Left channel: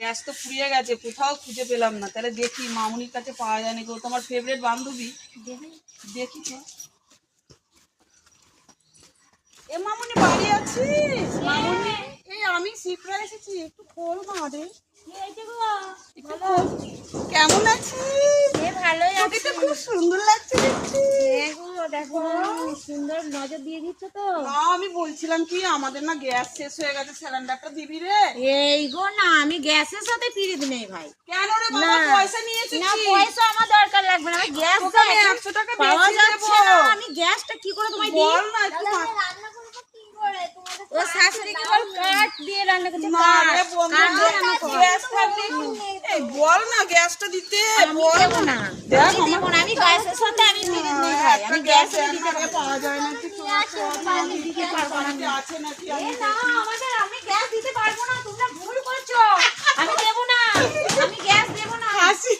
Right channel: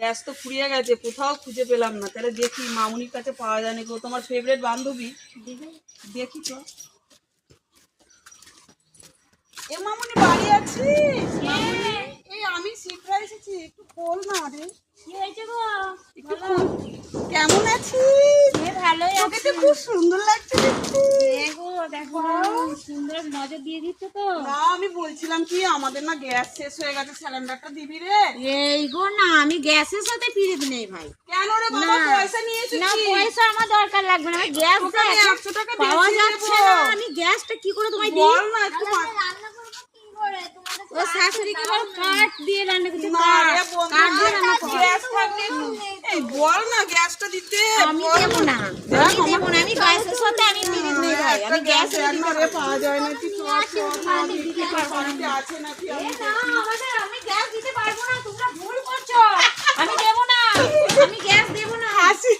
Gas তো ফুরিয়ে গেছে, কোথাও খুঁজে পেলাম না। তাহলে দেখি মামুনির কাছে পাওয়া যায় নাকি। ও তোমার ফেভারিট বান্ধবী। দেখি তো। এ মামুনি বাড়ি আছিস? মামুনি এই আমি শিপ্রা এসেছি, একটু খোল না রে। কি হয়েছে গো? একটু খোল। কেমন আছিস? ভালোই তোকে আছি। তো খুব সুন্দর লাগছে দেখতে। দেখো সুন্দর নজর দিয়ে দিচ্ছ তো। না আমি বলছিলাম কি, আমাদের না গ্যাস শেষ হয়ে গেছে, সিলিন্ডারটা দিবি রে? এই গো না, আমি গ্যাসের সাথে পিরিত নেই ভাই। কেন রে বাবা, পয়সা নিয়ে এসেছি। না পয়সা আমার দরকার লাগবে না, আমার গ্যাস তোকে আমি 100 টাকা পাওয়া বেশি যাচ্ছে দেবো। না। আমি গ্যাসটা কি করে তোমায় দিই? বল না একটু ও শাশুড়ি কি বল কাঠ দিয়ে রান্না করছে, না কাঠ রে বন্ধু, কাঠ দিয়ে রান্না করে। গ্যাস থাকলে এই বল না গ্যাসটা দিতে। আমি বল দেবো না, দেখ আমি দেবো না, আমি গ্যাসের সাথে আমি পিরিত নেই ভাই। একটা আমি গ্যাস গ্যাস রান্না করে পাওয়া যায় নাকি? আমি দিতে পারবো নাকি, আছে নাকি আমি আমি গ্যাস দিতে পারবো না, তোমরা ভুল করছো। আমি দেবো না, আমি গ্যাস দেবো না। হাসি